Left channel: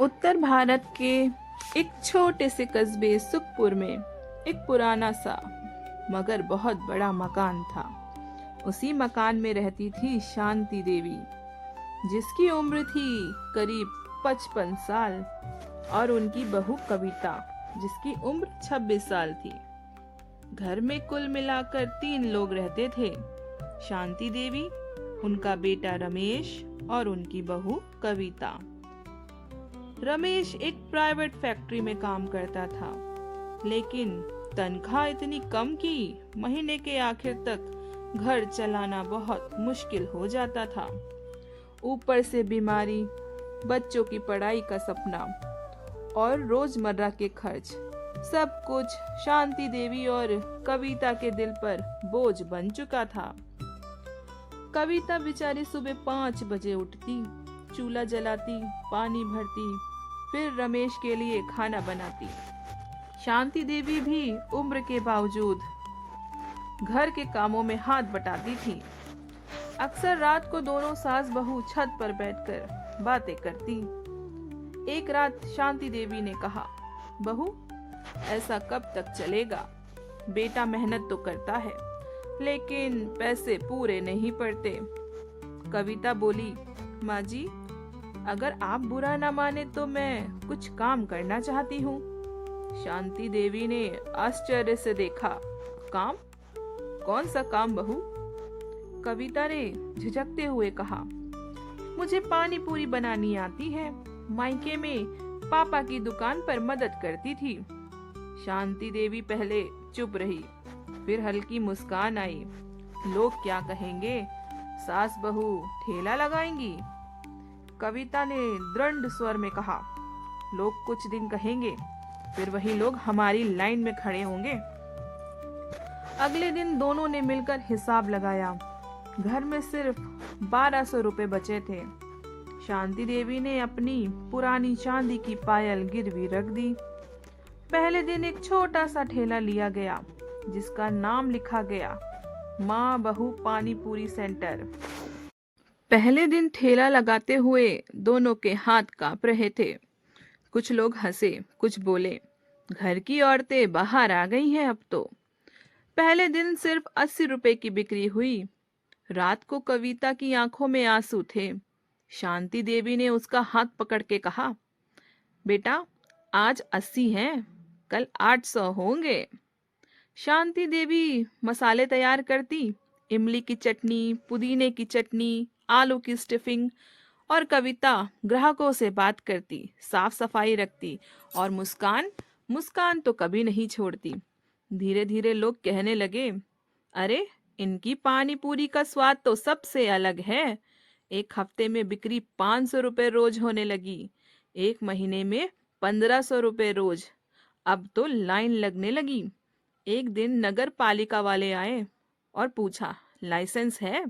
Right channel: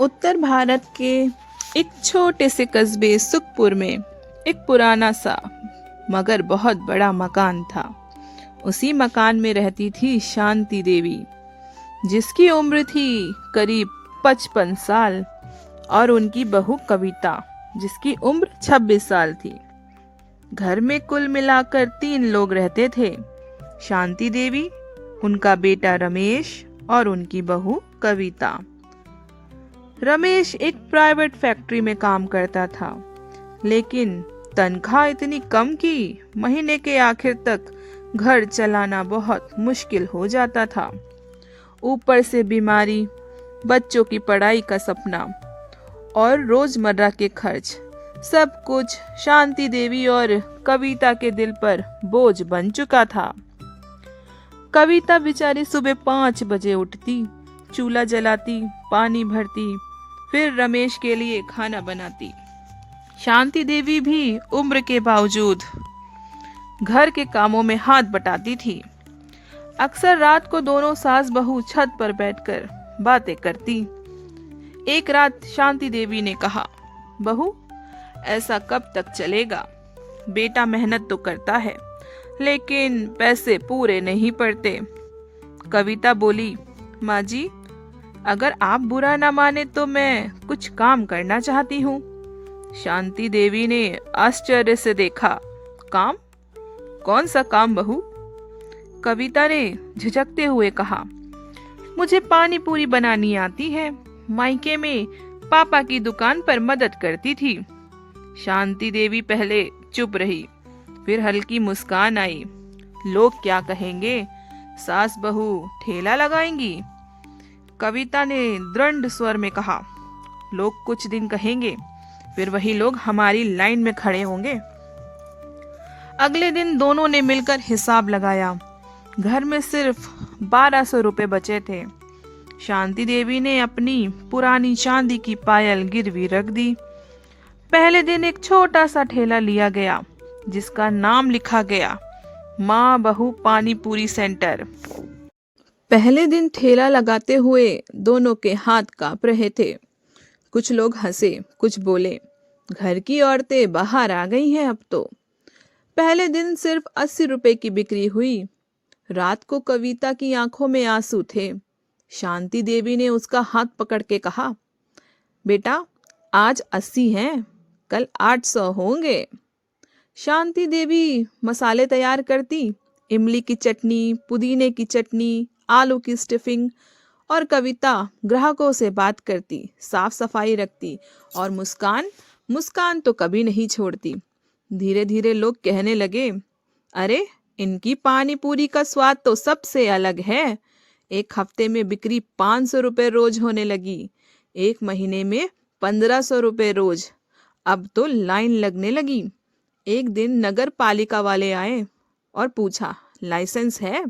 उत्तर भारत के एक छोटे से कस्बे सुखपुर में एक पुराना सा मगर बहुत बड़ा मकान था। उसी मकान में रहती थी शांति देवी, जिसकी उम्र थी करीब 55 साल, और उनकी बहू कविता, जिसकी उम्र 26 साल थी। घर में कुल मिलाकर 3 लोग रहते थे, शांति देवी, उनका बेटा रमेश और उनकी बहू कविता। रमेश एक प्राइवेट फैक्ट्री में काम करता था, लेकिन तनख्वाह इतनी कम कि महीने के आखिर तक घर चलाना बहुत मुश्किल हो जाता था। ऊपर से बीमारी, बच्चों की पढ़ाई का सपना और रोजमर्रा के खर्च, सब कुछ शांति देवी और कविता के दिल पर बोझ बन चुका था। कविता बेचारी सुबह 5 बजे उठती, चूल्हा जलाती, पानी भरती, फिर रमेश के लिए खाना बनाती। शांति देवी भी उम्र के बावजूद घर के कामों में हाथ बटाती थी। अक्सर रात को दोनों सास बहू छत पर बैठकर बातें करती। एक रात शांति देवी ने कहा, बहू, ऐसा कब तक चलेगा? बेटा मेहनत तो करता है, लेकिन पैसे पूरे नहीं पड़ते। कविता बोली, माँ जी, अगर आप बुरा ना माने तो मैं कुछ काम करना चाहती हूँ। शांति देवी ने आश्चर्य से देखा, काम? कौन सा काम बहू? कविता ने झिझकते हुए कहा, मुझे पानी पूरी बनानी आती है, मायके में पापा की दुकान पर मदद करती थी। शांति देवी पहले चुप रही, फिर हल्की मुस्कान आई। लोग क्या कहेंगे? सास बहू ठेला लगाएंगी? कविता ने दृढ़ स्वर में कहा, लोग कुछ दिन कहेंगे, फिर वही लोग हमारी लाइन में खड़े होंगे। अगले दिन दोनों ने मिलकर हिसाब लगाया। घर में सिर्फ 1200 रुपए बचे थे। शांति देवी ने अपनी पुरानी चांदी की पायल गिरवी रख दी। पहले दिन एक छोटा सा ठेला लिया गया, जिसका नाम लिखा गया माँ बहू पानी पूरी सेंटर। पहले दिन ठेला लगाते हुए दोनों के हाथ कांप रहे थे। कुछ लोग हंसे, कुछ बोले, घर की औरतें बाहर आ गई हैं अब तो। पहले दिन सिर्फ 80 रुपए की बिक्री हुई। रात को कविता की आंखों में आंसू थे। शांति देवी ने उसका हाथ पकड़ के कहा, बेटा, आज 80 हैं, कल 800 होंगे। शांति देवी मसाले तैयार करती, इमली की चटनी, पुदीने की चटनी, आलू की स्टफिंग, और कविता ग्राहकों से बात करती, साफ सफाई रखती, और मुस्कान तो कभी नहीं छोड़ती। धीरे धीरे लोग कहने लगे, अरे, इनकी पानी पूरी का स्वाद तो सबसे अलग है। एक हफ्ते में बिक्री 500 रुपए रोज होने लगी, एक महीने में 1500 रुपए रोज। अब तो लाइन लगने लगी। एक दिन नगर पालिका वाले आए और पूछा, लाइसेंस है?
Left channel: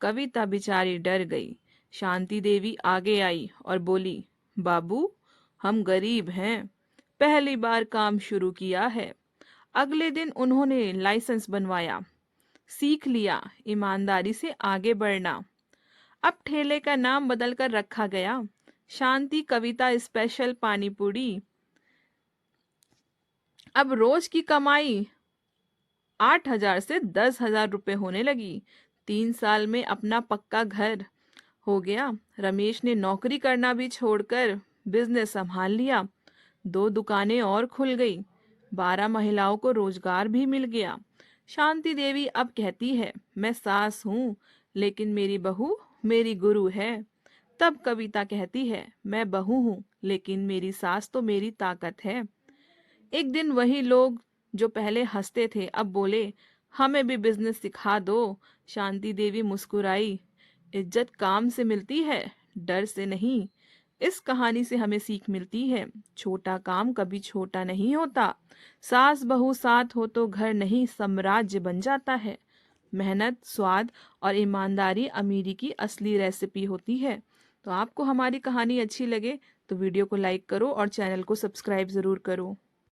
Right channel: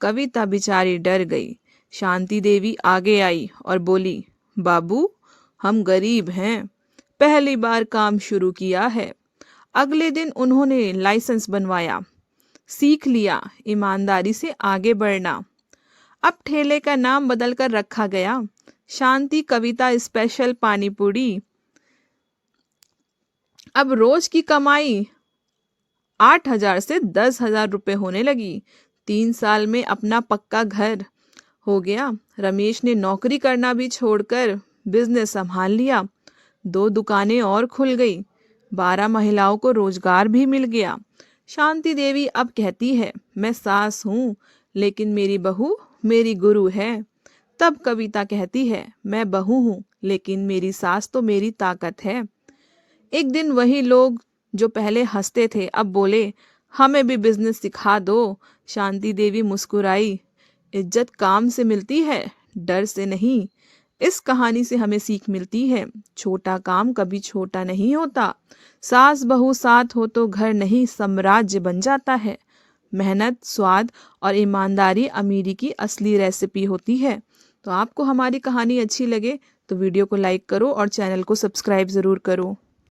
कविता बेचारी डर गई। शांति देवी आगे आई और बोली, बाबू, हम गरीब हैं, पहली बार काम शुरू किया है। अगले दिन उन्होंने लाइसेंस बनवाया, सीख लिया ईमानदारी से आगे बढ़ना। अब ठेले का नाम बदलकर रखा गया शांति कविता स्पेशल पानी पूरी। अब रोज की कमाई 8,000 से 10,000 रुपए होने लगी। 3 साल में अपना पक्का घर हो गया। रमेश ने नौकरी करना भी छोड़कर बिजनेस संभाल लिया। 2 दुकानें और खुल गई। 12 महिलाओं को रोजगार भी मिल गया। शांति देवी अब कहती है, मैं सास हूँ, लेकिन मेरी बहू मेरी गुरु है। तब कविता कहती है, मैं बहू हूँ, लेकिन मेरी सास तो मेरी ताकत है। एक दिन वही लोग जो पहले हंसते थे अब बोले, हमें भी बिजनेस सिखा दो। शांति देवी मुस्कुराई, इज्जत काम से मिलती है, डर से नहीं। इस कहानी से हमें सीख मिलती है, छोटा काम कभी छोटा नहीं होता। सास बहू साथ हो तो घर नहीं साम्राज्य बन जाता है। मेहनत, स्वाद और ईमानदारी अमीरी की असली रेसिपी होती है। तो आपको हमारी कहानी अच्छी लगे तो वीडियो को लाइक करो और चैनल को सब्सक्राइब ज़रूर करो।